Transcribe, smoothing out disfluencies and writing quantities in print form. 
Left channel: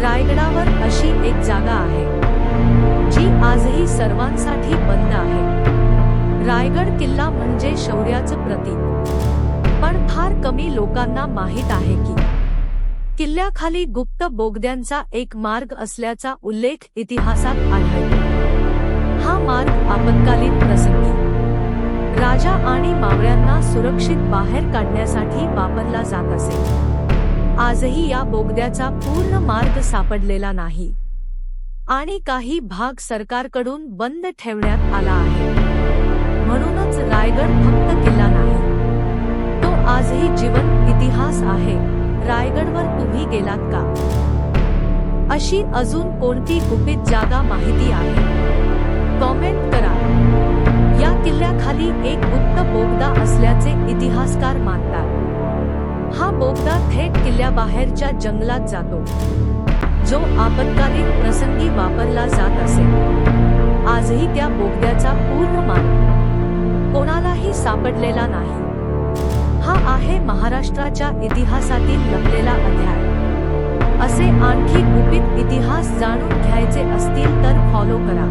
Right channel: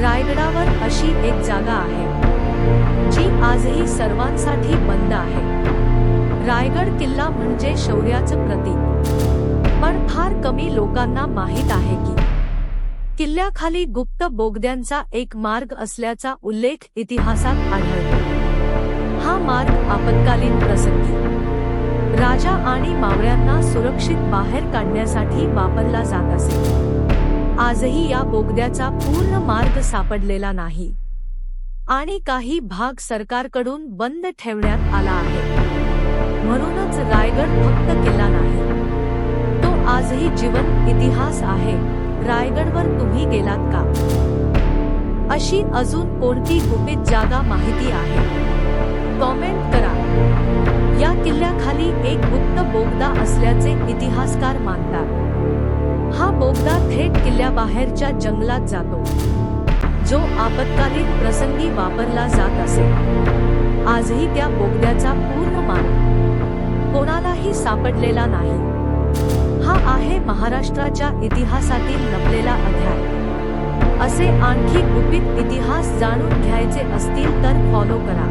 रायगडावर अशी एक जागा आहे जी आजही सर्वांसाठी बंद आहे। रायगड किल्ला म्हणजे शौर्याचं प्रतीक, पण फार कमी लोकांना माहीत आहे की किल्ल्याखाली गुप्त बोगद्यांचा एक मार्ग असल्याचा उल्लेख इतिहासात आढळतो। हा मार्ग आपत्कालीन प्रसंगी राजा आणि मावळ्यांना सुरक्षित बाहेर काढण्यासाठी वापरला जात असे। आजही या बोगद्याचा पूर्ण मार्ग सापडलेला नाही आणि काही भाग सरकारकडून बंद ठेवण्यात आला आहे। म्हणूनच रायगड फक्त किल्ला नाही, तो आजही जिवंत इतिहास आहे। रायगडवर तुम्ही गेलात का? अशी अजून कोणती गुपित जागा माहिती आहे? कॉमेंट करा। या किल्ल्याखाली एक गुप्त बोगदा असल्याचे इतिहासकार मानतात। हा बोगदा थेट किल्ल्याबाहेरच्या जंगलात जातो, जो आपत्कालीन प्रसंगी वापरला जात असे। आजही त्या बोगद्याचा पूर्ण मार्ग कोणालाही सापडलेला नाही। हा आहे महाराष्ट्राच्या इतिहासातील लपलेला अध्याय। असे आणखी गुपित इतिहास जाणून घ्यायचे असतील तर फॉलो करा।